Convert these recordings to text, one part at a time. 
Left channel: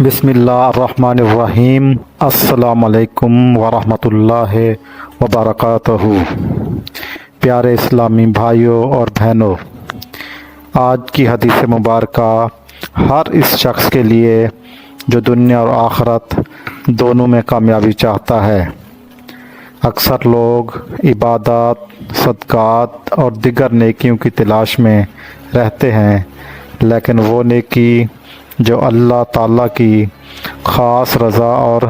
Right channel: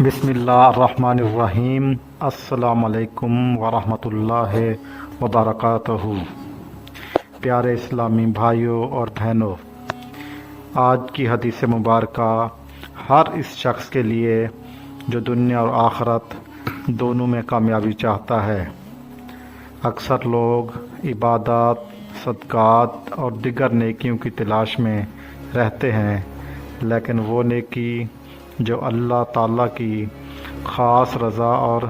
بسم اللہ الرحمن الرحیم۔ السلام علیکم ورحمۃ اللہ وبرکاتہ۔ پیارے اسلامی بھائیوں اور بہنوں، آج کی حدیث مبارکہ ہر اس شخص کے لیے جو دنیا اور آخرت دونوں میں کامیابی چاہتا ہے۔ اکثر لوگ عبادات، صدقات اور دیگر نیکیوں کی تلاش میں رہتے ہیں، لیکن وہ نیکی جو اللہ تعالیٰ کی خاص رضا اور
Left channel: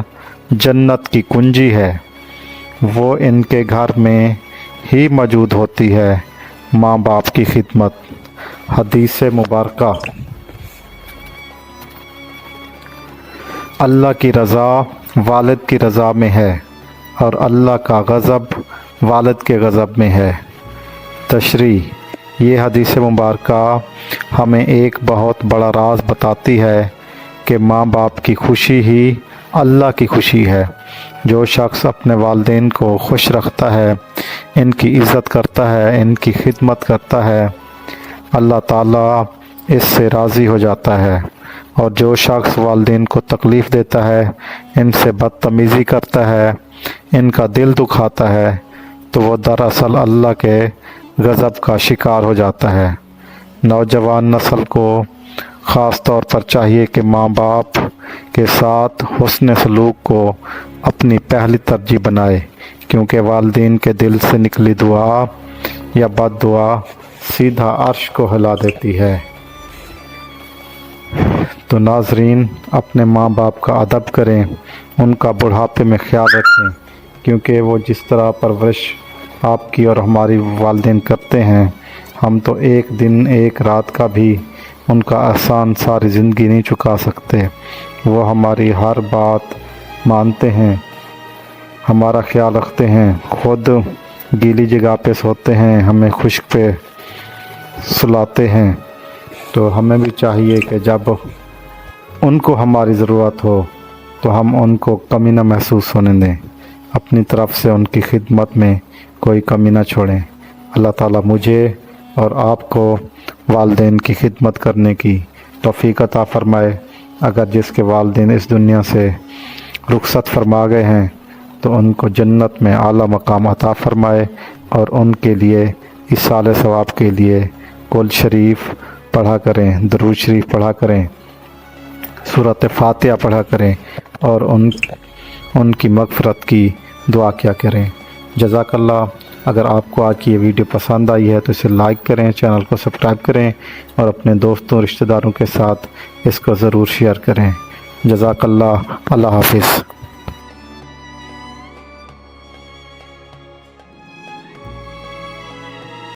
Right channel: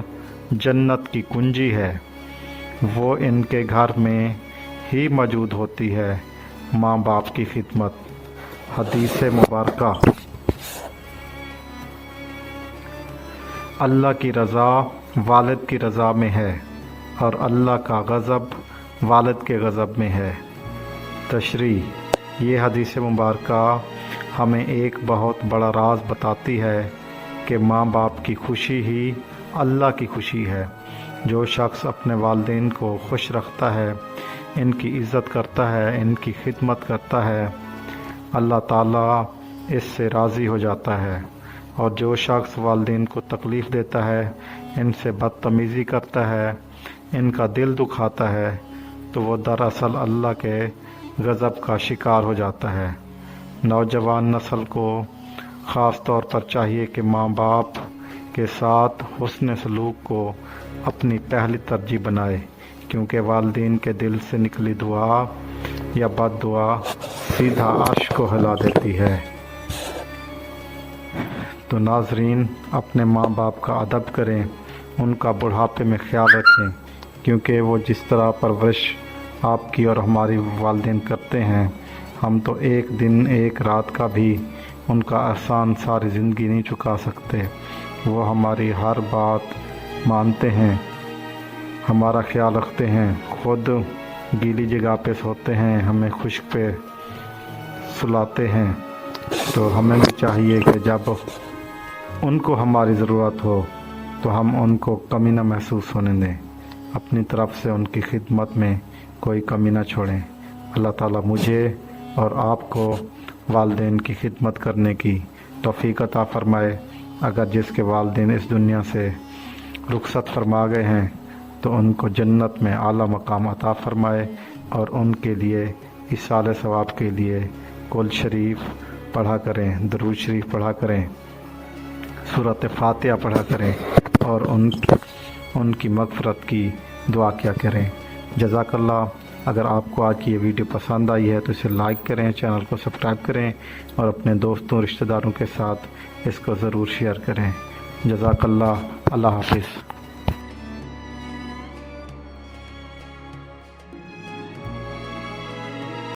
جنت کی کنجی ہے، وہ ان کے گھر میں ہی موجود ہوتی ہے۔ ماں باپ کی خدمت۔ حدیث مبارکہ: اللہ کی رضا والد کی رضا میں ہے اور اللہ کا غضب والد کے غضب میں ہے۔ تشریح: یہ حدیث مبارکہ ہمیں ایک بہت بڑا راز بتاتی ہے کہ ماں باپ کی خوشی ہی اللہ کی خوشی ہے۔ جو شخص اپنے والدین کو خوش رکھتا ہے، ان کی عزت کرتا ہے، ان کی خدمت کرتا ہے، اللہ تعالیٰ اس سے راضی ہو جاتا ہے۔ اور جو شخص والدین کو تکلیف دیتا ہے، ان سے بدتمیزی کرتا ہے، ان کا دل دکھاتا ہے، تو وہ دراصل اللہ کے غضب کا شکار ہو جاتا ہے۔ نوجوان نسل کو خاص طور پر چاہیے کہ ماں باپ کے ساتھ حسن سلوک کو اپنی پہلی ترجیح بنائے، کیونکہ والدین کے دل سے نکلی دعا یا بد دعا سیدھا عرش کو ہلا دیتی ہے۔ تو ناظرین، اپنے ماں باپ کا ادب کریں، ان کا بڑھاپے میں خیال رکھیں، کیونکہ وہ جس طرح پرورش آپ کی اور ہماری والدین کرتے ہیں، ہم تو ایک دن ایک رات کا بھی ان کا احسان ساری زندگی نہیں چکا سکتے۔ وہ ہماری ہر بات مانتے ہیں، ہمارا خیال رکھتے ہیں، خود گیلی جگہ پہ سوتے ہیں، ہمیں خشک پہ سلاتے ہیں۔ تو ہمیں بھی چاہیے کہ جب ان کو ہماری ضرورت ہو تو ہم ان کو کمی نہ محسوس ہونے دیں، اپنی طرف سے ان کی خدمت میں کوئی کمی نہ چھوڑیں۔ اللہ تعالیٰ مجھے اور آپ کو والدین کی خدمت کرنے کی توفیق عطا فرمائے۔ اگر جس کے والدین اس دنیا سے رخصت فرما گئے ہیں تو ان کو جنت میں اعلیٰ مقام عطا فرمائے، اور ان کے لیے ایصال ثواب کے لیے قل شریف پڑھا کریں، درود شریف پڑھا کریں، سورۃ فاتحہ پڑھا کریں، اور ان کی مغفرت کی دعا کیا کریں۔ جزاک اللہ۔ اگر آپ کو آج کی یہ ویڈیو پسند آئی ہے تو اسے لائک کریں، چینل کو سبسکرائب کریں، اور اپنے دوستوں رشتہ داروں کے ساتھ اس کو ضرور شیئر کریں۔ جزاک اللہ۔ اللہ حافظ۔